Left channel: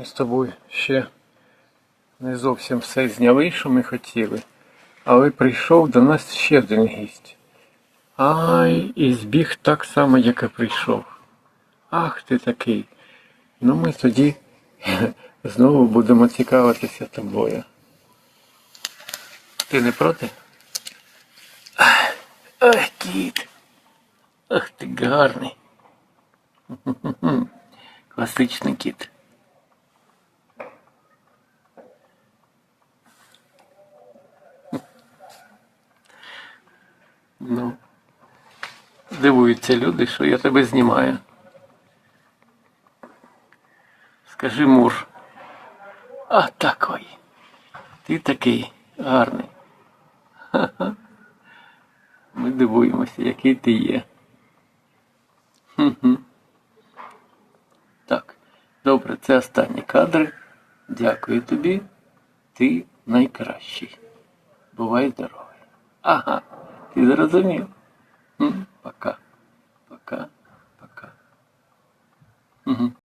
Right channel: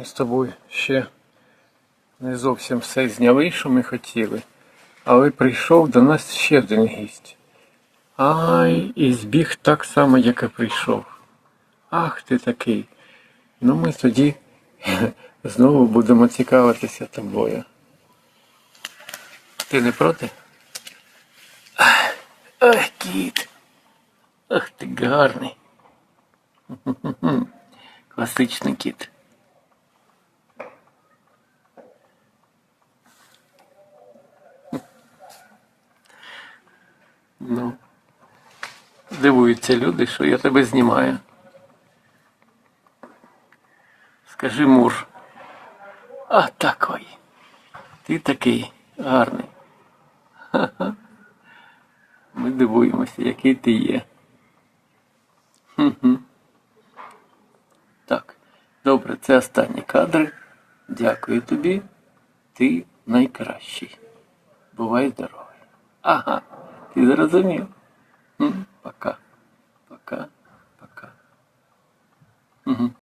Ми з тобою ще не зовсім все зняли, що ми хотіли, але прийшов до нас ще один гість. Ай, і збіг так само, як і прийшов. Ах ти такий. Ну ми тоді знову будемо цікавитися тобою. Ти не проти? Ах, кіт. Ах ти гарний. Класичний кіт. Ну, дивуються люди, що я тебе знімаю. Скажи муж. А такой. Ти такий гарний. Ха-ха. Ми дивуємося, який ти є. Хм-хм. Так, добре, це останні кадри. Дякую тобі. Ти найкращий. Бувай здоровий. Ага, ти зрозумів? Пока. Пока. Пока. Угу.